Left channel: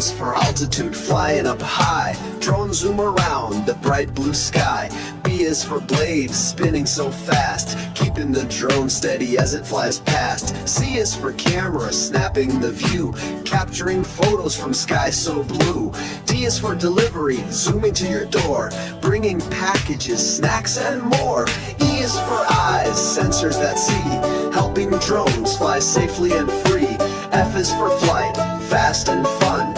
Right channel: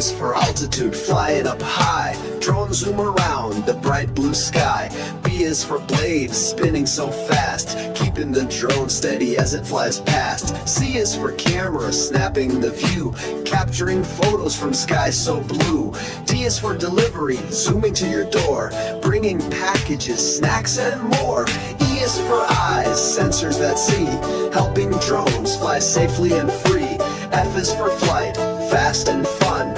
is for altitude, flying up high. Drones zoom around the bright blue sky. B is for blades, spinning so fast, keeping the drone steady as it flies past. C is for camera, snapping the view, capturing photos from sky so blue. D is for delivery, zooming to your door, bringing packages, snacks and more. E is for eyes, sensors that see, helping drones fly safely and free. F is for flight, fast and fun,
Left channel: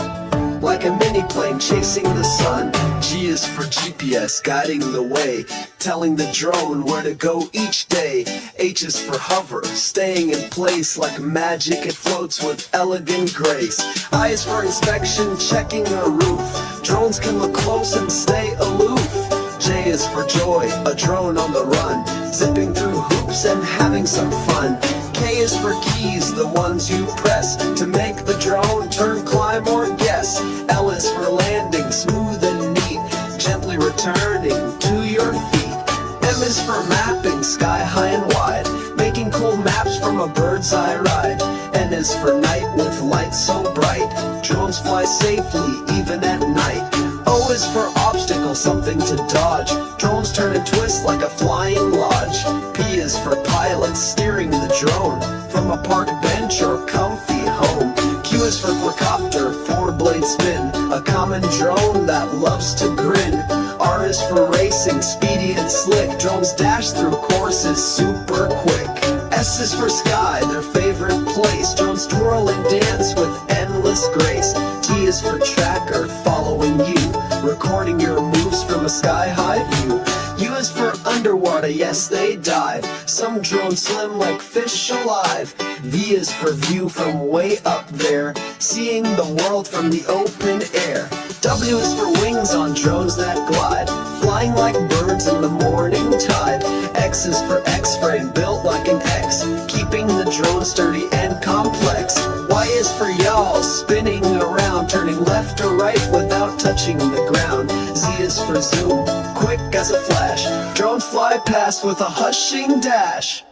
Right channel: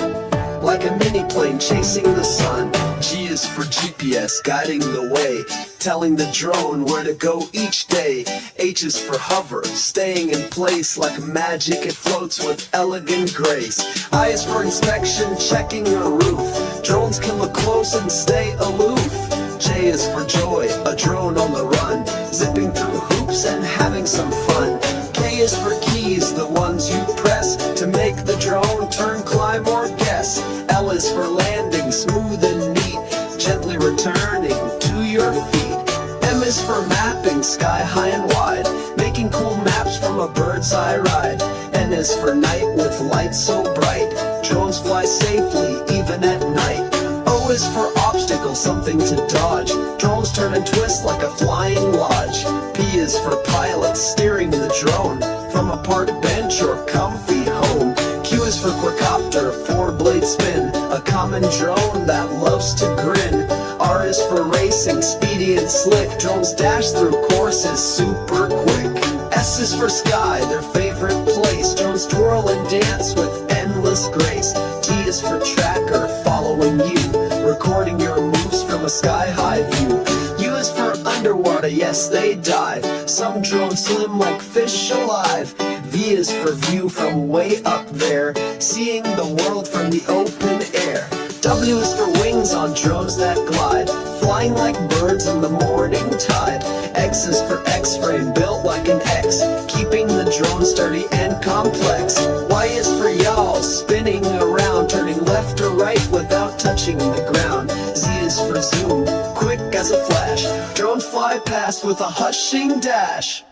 like a mini plane chasing the sun. G is for GPS, guiding the way, telling the drone where to go each day. H is for hover, staying in place like magic, it floats with elegant grace. I is for inspection, checking a roof, drones can look close and stay aloof. J is for joy, a drone on the run, zipping through hoops and having some fun. K is for keys, the ones you press to make the drone turn, climb or guess. L is for landing, smooth and neat, gently returning to your feet. M is for mapping, sky high and wide, making cool maps from a bird's eye ride. N is for night with lights so bright, drones fly safely even at night. O is for obstacle, something to dodge, drones turn and twist like a flying lodge. P is for pilot, steering the drone from a park bench or comfy home. Q is for quadcopter, four-blade spin, a common drone that loves to grin. R is for racing, speedy and slick, drones dash through courses super quick. S is for sky, their favorite place, drones twirl and dance with endless grace. T is for tracker, following you, recording your moves from a sky-high view. U is for underwater, yes they dive, some drones swim like fish alive. V is for view from way up there, seeing the world from the open air. W is for wings on drones that glide, flying like birds in the morning tide. X is for X-frame, built like an X, keeping the drone sturdy and complex. Y is for yaw, spinning around, turning left or right without touching the ground. Z is for zoom, quick as a flash, drones fly past with a hushing dash.